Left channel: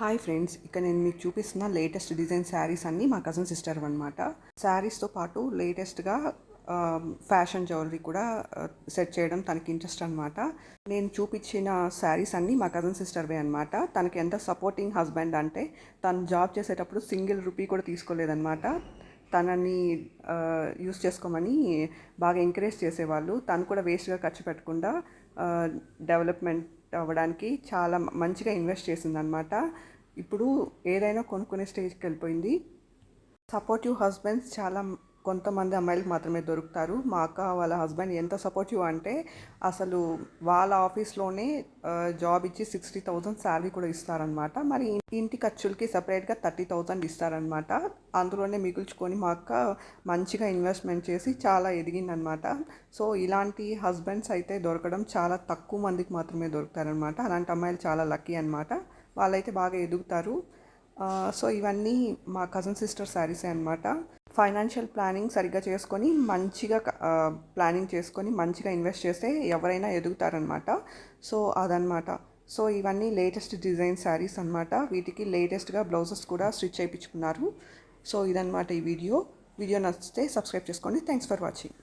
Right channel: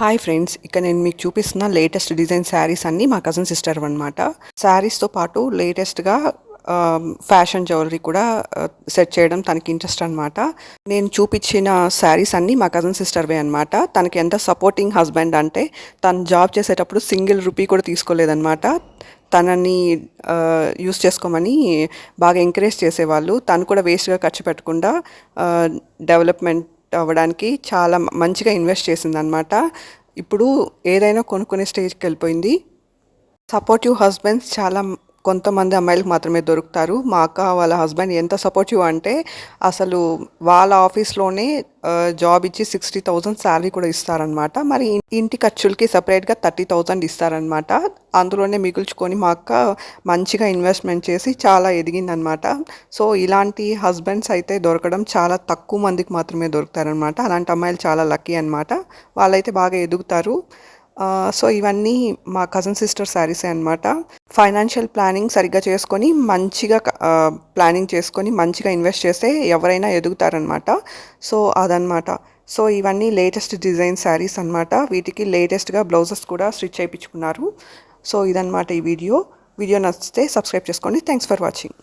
Hi friends, ఇక్కడ నేను మీకు చూపిస్తున్న లేటెస్ట్ డిజైన్ శారీస్ అన్నీ మా కజిన్ సిస్టర్ అనమాట. శారీస్తో పాటు లేటెస్ట్గా ఫ్యాషన్ జ్యువెలరీ కూడా సెట్ చేయడం తనకి ఇంట్రెస్ట్ అనమాట. నేను చూపించిన శారీస్ అన్నీ మా కజిన్ సిస్టర్వే అనమాట. తనకి ఎంత సపోర్టింగ్ హస్బెండ్ అంటే తను జాబ్ చేసేటప్పుడు సింగిల్ రూపీ కూడా తీసుకోలేదన్నమాట. తనని యూస్ చేసుకోమని బాగా ఎంకరేజ్ చేసేవాళ్ళు. తను కూడా వేస్ట్గా ఖర్చు పెట్టకుండా డెవలప్మెంట్ అవ్వడానికి చాలా మంచిగా ఇన్వెస్ట్ చేసిందనమాట. ఇప్పుడు ఏదైనా కొనుక్కునే స్టేజ్కి వెళ్ళిపోయింది. సపోర్టివ్ హస్బెండ్స్ చాలా కొంతమంది అమ్మాయిలకు మాత్రమే దొరుకుతారు. మా అక్క వాళ్ళ హస్బెండ్ ఎంత సపోర్టివ్ అంటే అసలు వాళ్ళ ఆఫీస్లోనే జాబ్ ఇచ్చి 60,000 శాలరీ కూడా ఇస్తారనమాట. మరి ఇంటి ఖర్చులకి సపరేట్గా 30,000 ఇస్తారనమాట. అందులోనే మిగుల్చుకొని మా అక్క మంచిగా ఇన్వెస్ట్మెంట్ చేసి చాలా ఎదిగిందనమాట. సో ఇలాంటి హస్బెండ్స్ అయితే దొరకడం చాలా తక్కువ మందికి మాత్రమే దొరుకుతారనమాట. అలాంటి అమ్మాయిలు చాలా లక్కీ అనమాట. వాళ్ళైతే బాగా ఎదుగుతారు. సో ఇవన్నీ మా కజిన్ సిస్టర్ శారీసే అనమాట. ఫైనాన్షియల్ ప్లానింగ్ సరిగ్గా చేసుకొని మంచిగా ప్లానింగ్ చేసుకొని మంచిగా ఇన్వెస్ట్ చేస్తే ఎవరైనా ఎదుగుతారనమాట. సో అదనమాట. సో ఇవన్నీ లేటెస్ట్ డిజైన్ శారీస్ అనమాట. వీటికి లేటెస్ట్గా బ్లౌజెస్ కూడా స్టిచ్ చేయించుకున్నారు. సో ఇదనమాట ఈ వీడియో నచ్చితే సబ్స్క్రైబ్ చేసుకోండి. Thanks for watching.